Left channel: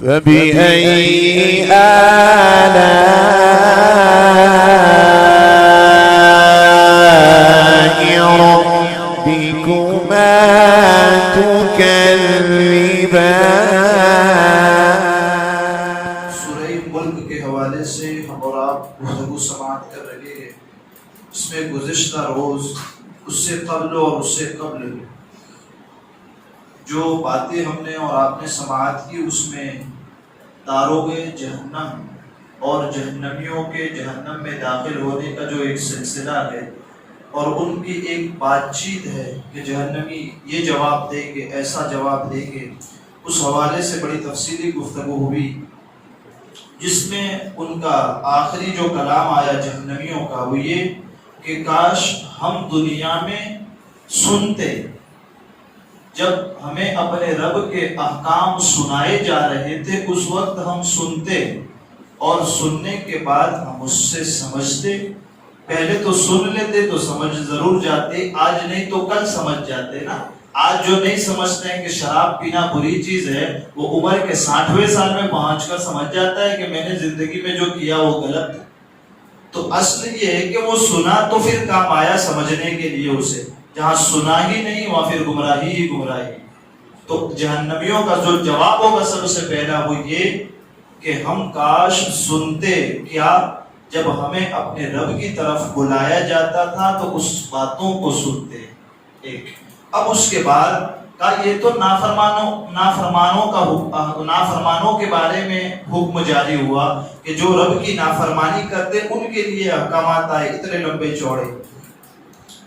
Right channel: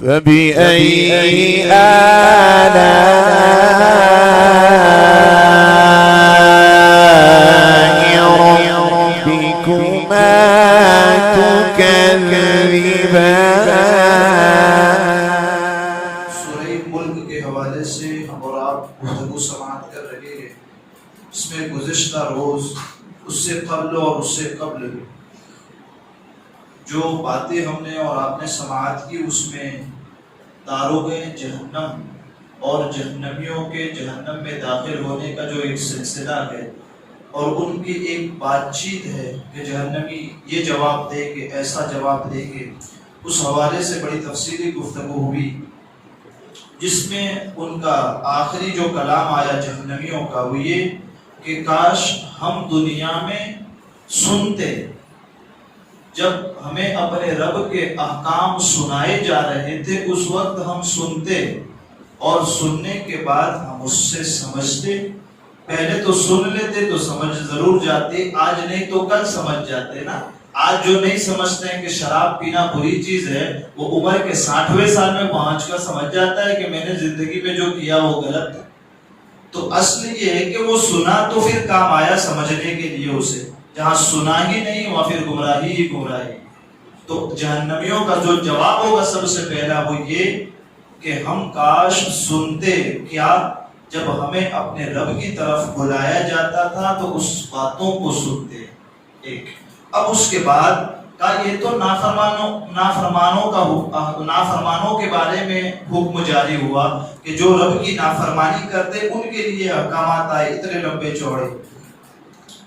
فبأي آلاء ربكما تكذبان۔ سورہ ملک کے حوالے سے ہم اور آپ گفتگو سماعت کر رہے ہیں۔ اس میں گزشتہ روز، اس سے قبل اور اس سے قبل جو باتیں ہم نے اور آپ نے سماعت کی، اس میں داروغ جہنم اور جہنمیوں کے جہنم میں داخل ہونے کا جو ایک سلسلہ ہے اور ان کی ایک بات چیت ہے کہ جہنمی یہ جواب دے گے، ایسا جواب دے گے، اس حوالے سے بڑی تفصیلی گفتگو ہوئی، جس میں ان کا آخری جو کلام آیا جہنمیوں کا وہ یہ کہ کاش ہم دنیا میں سنتے، جب ہمیں اپنے رب کے احکام سنائے جا رہے تھے اس وقت ہم سنتے اور سننے کے بعد ہم اس سے سمجھتے۔ پہلے تو سن لیتے تو سمجھ ضرور جاتے، آج نہیں تو کل سمجھ جاتے نا۔ آج جو نہیں سمجھتے ہیں کہ شراب پینا بری چیز ہے، وہ عمر کے 60ویں سال میں پہنچ کر سمجھ جاتا ہے کہ میں نے زندگی میں جو کیا وہ غلط ہے۔ تو اصل یہ ہے کہ وہ سنا تو پھر کام آیا سمجھنے کے لیے اسے، جہاں سنا ہی نہیں وہاں پھر گمراہی ہی گمراہی۔ تو جہنمیوں کا جو جواب ہوگا سب سے پہلا وہ یہ کہ ہم کاش سنتے، کیا جب ہمیں اپنے رب کی طرف بلایا جاتا تھا تو اس باتوں کو سنتے۔ ایک اب اس کے بعد کا یہ تو نافرمانوں کے بارے میں حکم جاری ہوا کہ جو رب کی نافرمانی کرتے ان کے لیے احکامات آئے اتنے لمبے چوڑے۔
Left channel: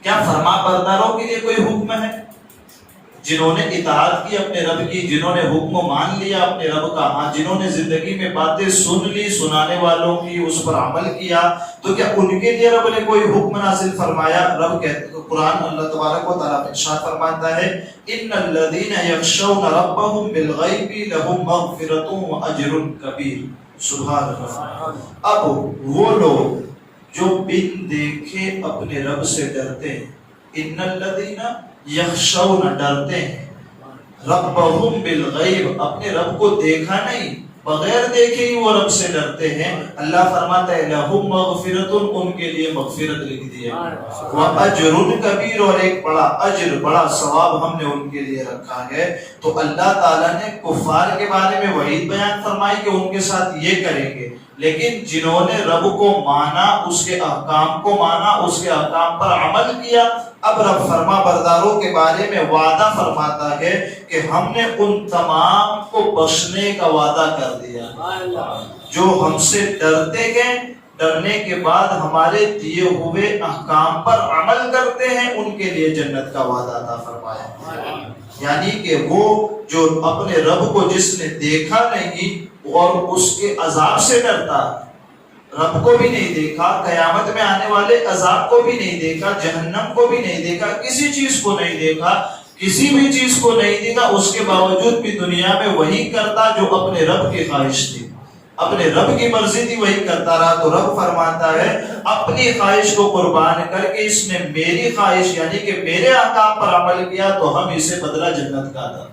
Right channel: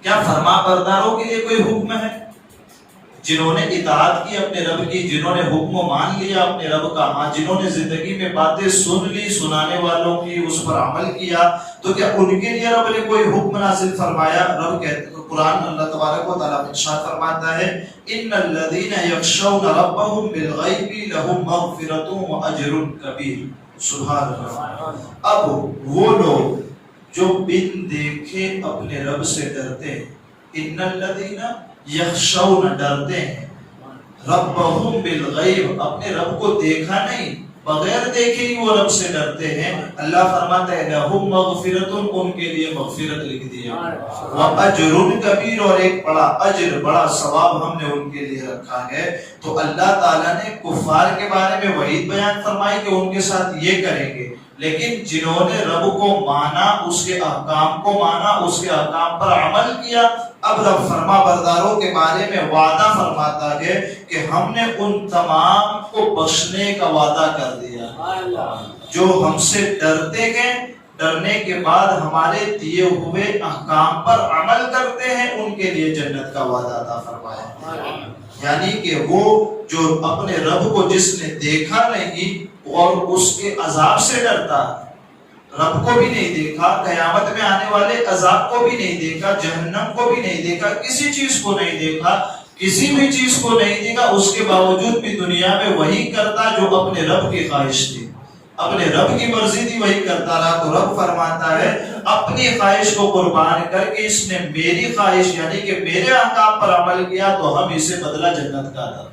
کیا فرما برداروں کے لیے کوئی حکم ہے؟ جنہوں نے اطاعت کی اپنے رب کی، جنہوں نے حکم مان لیا اپنے رب کا، ہاں جنہوں نے زندگی میں باتیں سن لی سنانے والوں کی، اس پر عمل کیا، تو کیا ان کے لیے رب نے کوئی حکم نازل فرمایا؟ رب کہتے قرآن اللہ تبارک و تعالیٰ ارشاد فرماتا ہے ان الذین یخشون ربهم بالغیب لهم مغفرۃ واجر کبیر۔ سبحان اللہ۔ اب وہ لوگ جو بن دیکھے اپنے رب سے ڈرتے ہیں، ان الذین یخشون ڈرتے ہیں، ربهم بالغیب اپنے رب کو دیکھا نہیں، بغیر دیکھے ہی وہ رب سے ڈرتے ہیں، اللہ فرماتا ہے لہم مغفرۃ ان کے لیے مغفرت لکھ دیا، واجر کبیر اور ایک بڑا اجر بڑا ثواب ہم نے ان کے لیے رکھا ہے۔ تو اللہ تعالیٰ نے کفار کے بارے میں وعید بیان فرمائی کہ ان کے ساتھ یہ کریں گے، لیکن جنہوں نے رب کو مانا، اس کے احکام کو مانا، اس کے احکام پر عمل کیا، اب رب فرما برداروں کے بارے میں وعدہ فرماتا ہے کہ ہم نے ان تمام کو بخشنے کا وعدہ کر دیا۔ جو ہم سے ڈرتے گئے، ڈرنے کے بعد ہمارے دیے ہوئے احکام پر عمل کرتے ہیں، ان کے لیے جنت کا وعدہ عطا فرمایا۔ یعنی کہ وہ جو اپنے رب کو جس نے دیکھا نہیں اور اس کے عذاب سے ڈرتا، رب کو بھی نہیں دیکھا، قیامت میں آنے والے عذاب کو بھی نہیں دیکھا، جہنم کو بھی نہیں دیکھا، کسی چیز کو نہیں دیکھا، کسی بھی چیز کو نہیں دیکھا، اس کے باوجود بھی دنیا میں وہی کرتا جو اپنے رب کی خواہش تھی، اپنے رب کی مرضی تھی وہی کرتا رہا۔ تو رب فرماتا ہے اپنی خواہش کو قربان کر کے اس نے میری خواہش یعنی کہ میرے احکام پر عمل کیا تو ہم اسے بدلہ جنت کا عطا۔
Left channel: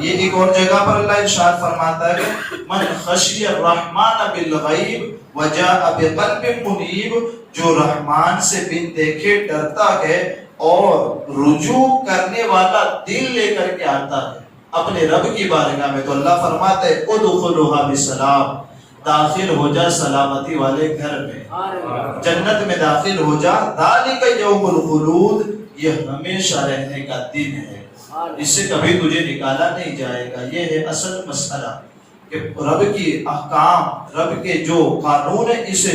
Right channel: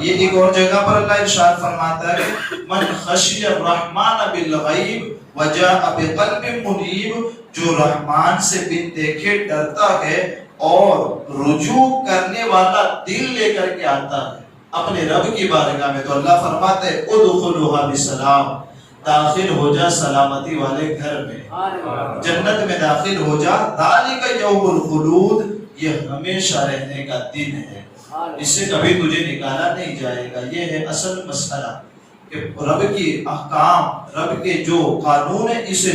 یہ ایک اور جگہ پر اللہ ارشاد فرماتا ہے من خشی الرحمن بالغیب وجاء بقلب منیب، جو رحمان سے بن دیکھے ڈرتا ہے اور رجوع کرنے والا دل لے کر کے آتا ہے اپنے رب کی بارگاہ میں، تو اللہ فرماتا ہے ادخلوها بسلام، داخل ہو جا سلامتی والے گھر میں، جنت میں داخل ہو جا، ذالک یوم الخلود، یہ ہمیشہ رہنے کا دن ہے، اس سے کبھی تجھے نکالا نہیں جائے گا۔ یہ ہے اصل مسئلہ کہ رب کی احکام، رب کے جو قانون ہے اسے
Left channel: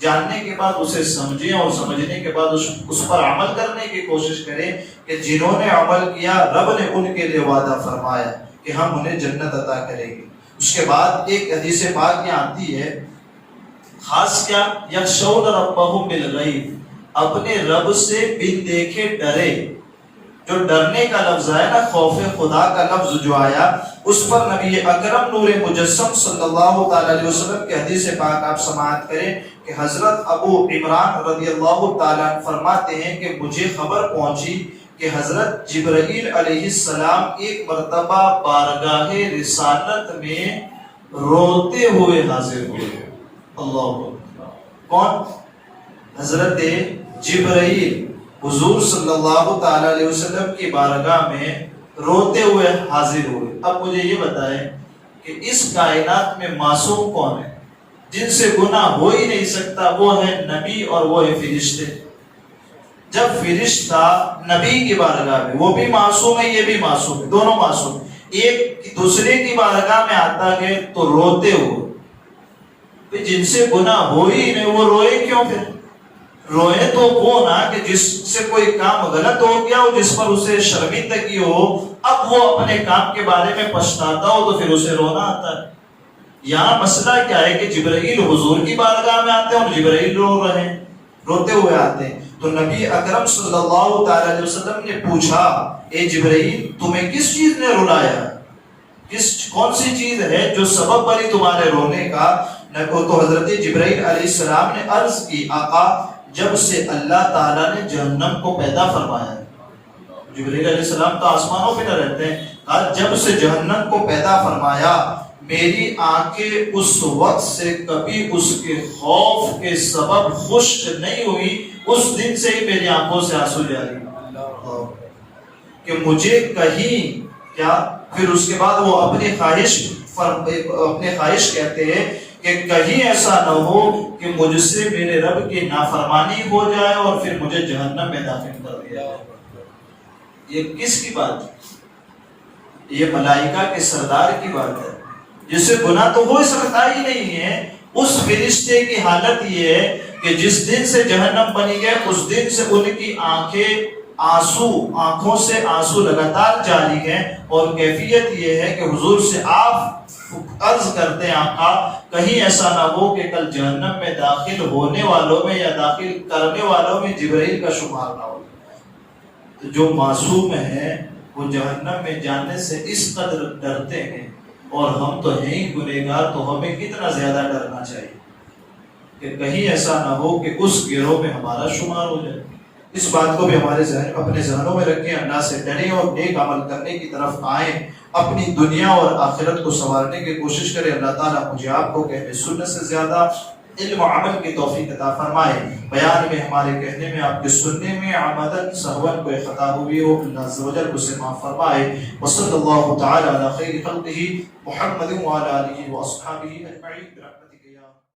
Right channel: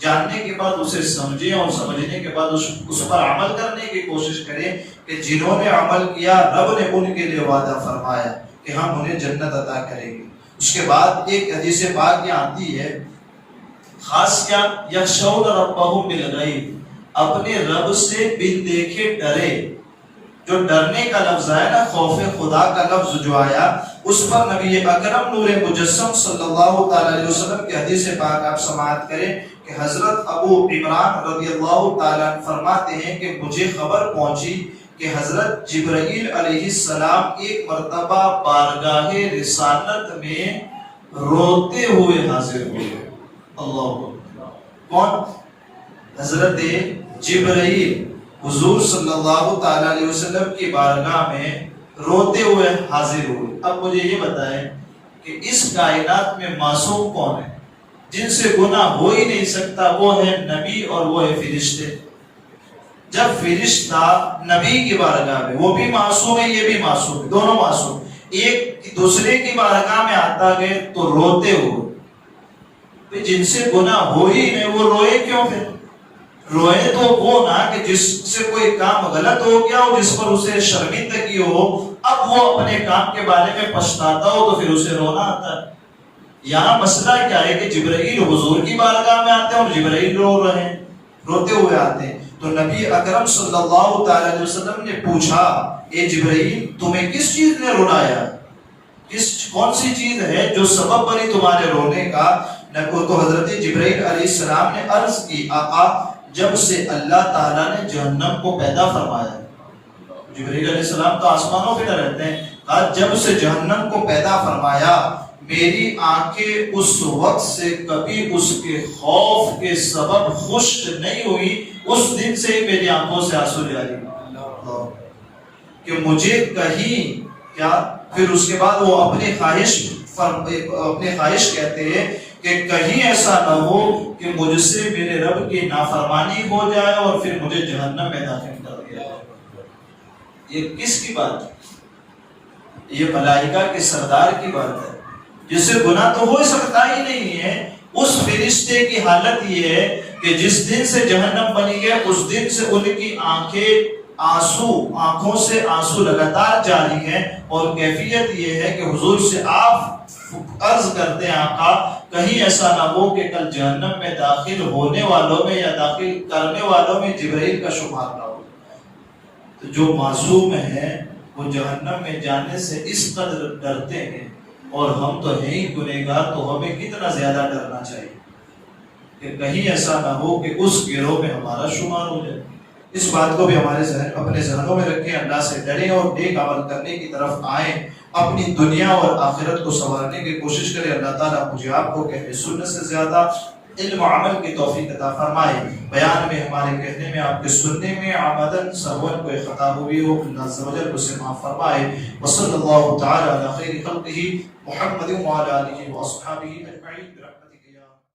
جاننے کے بعد اسے سمجھیں اور سمجھنے کے بعد اس پر عمل کرنے کی کوشش کریں کہ جنہوں نے عمل کیا رب نے ان کے لیے وعدہ فرمایا کہ ہم انہیں جنت عطا کریں گے۔ اس کے بعد ایک حدیث پاک یہ آتی ہے خاص کیا یخشون ربهم بالغیب، اپنے رب سے بن دیکھے ڈرے۔ جو ڈرنے کا لفظ ہے نا، خوف خدا کا لفظ جو آیا، اس پر نبی اکرم نور مجسم صلی اللہ تعالی علیہ وسلم کی حدیث پاک آپ سماعت کریں کہ حضرت ابو عمران رضی اللہ تعالیٰ فرماتے ہیں کہ مجھے خبر پہنچی کہ حضرت جبرائیل علیہ السلام ایک مرتبہ بارگاہ رسالت میں روتے ہوئے حاضر ہوئے. اللہ اکبر. کون؟ حضرت جبرائیل حضور صلی اللہ تعالی علیہ وسلم کی بارگاہ میں روتے ہوئے حاضر ہوئے. اب مجھے یہ بتائیں کہ اس کائنات میں معصوم کون ہے جن سے گناہ ہو ہی نہیں سکتا؟ وہ ہے نبی اور وہ ہے فرشتے. جب فرشتہ نبی کی بارگاہ میں، وہ بھی معصوم ہے یہ بھی معصوم ہے، دونوں معصوم، ایک دوسرے کی بارگاہ میں آتا گئے تو روتے ہوئے. جن سے گناہ ہو ہی نہیں وہ روئے کیوں؟ پھر روئے تو وہ نا کہ جس سے کوئی کام غلط ہو گیا ہو، جس پر اسے شرمندگی ہو، اب وہ اپنے کام کے بارے میں پچھتاتا ہو تو پھر اسے رونا آتا ہے. یہاں مسئلہ کیا ہے کہ جبرائیل حضور کی بارگاہ میں آتے ہیں اور جبرائیل رو رہے ہیں، روتے ہوئے آتے ہیں. تو نبی اکرم صلی اللہ تعالی علیہ وسلم نے پوچھا، اے جبرائیل تمہیں کس چیز نے رلایا؟ کون سی چیز ہے جو سبب بنی تمہارے رونے کا؟ تو حضرت جبرائیل علیہ السلام نے عرض کی، آقا جب سے اللہ تعالیٰ نے جہنم کو پیدا فرمایا. جبرائیل علیہ السلام تو آسمانوں پہ نہ رہتے ہیں. کہا جب سے جہنم کو پیدا فرمایا میری آنکھیں اس وقت سے کبھی اس کے خوف کے سبب خشک نہیں ہوئی. اس دن سے ہی میری آنکھوں سے آنسو جاری کہ مجھے کہیں کیا. پھر اس کے بعد وہ اپنی خواہش کہتے ہیں کہ کہیں ایسا نہ ہو کہ مجھ سے میرے رب کی نافرمانی ہو جائے اور پھر مجھے جہنم میں داخل کر دیا. یہ کس کی بات ہے؟ یہ ملائکہ کے سردار کی بات ہے جس سے گناہ تو ہو سکتا ہی نہیں ہے. اس فرشتے کی حالت یہ ہے کہ جس دن سے جہنم بنی ہے اس دن سے ان کی آنکھوں سے آنسو لگاتار جاری ہیں. اور کیفیت یہ ہے کہ حضور سے آپ عرض کرتے ہیں، آقا کہیں ایسا نہ ہو کہ کل جہنم میں داخل ہونے والوں میں یا داخل کرنے والوں میں جبرائیل کا شمار نہ ہو. تو جو معصوم ہیں وہ جہنم میں جانے سے اس قدر ڈرتے ہیں، اور ہم تو ہیں ہی گنہگار، تو ہمیں کتنا زیادہ ڈرنا چاہیے کہ کہیں ایسا نہ ہو کہ اس گروہ میں ہمارا شمار ہو جائے. اس بات کو بھی ہمارے اپنے ذہنوں میں رکھیں، اللہ سے ڈریں اور نیک عمل کرنے کی طرف آئیں، اپنی دنیا اور آخرت کو سنوارنے کی کوشش کریں. اللہ تعالیٰ مجھے آپ کو کہ سنت سے زیادہ علم و عمل کی توفیق عطا فرمائے. بیان میں ہمارے کہنے میں، آپ کے سننے میں عمدن سہون کوئی خطا ہوئی ہو، اللہ عز و جل اسے معاف فرمائے. وصلی اللہ تعالی علی خیر خلقہ محمد وعلی آلہ واصحابہ اجمعین.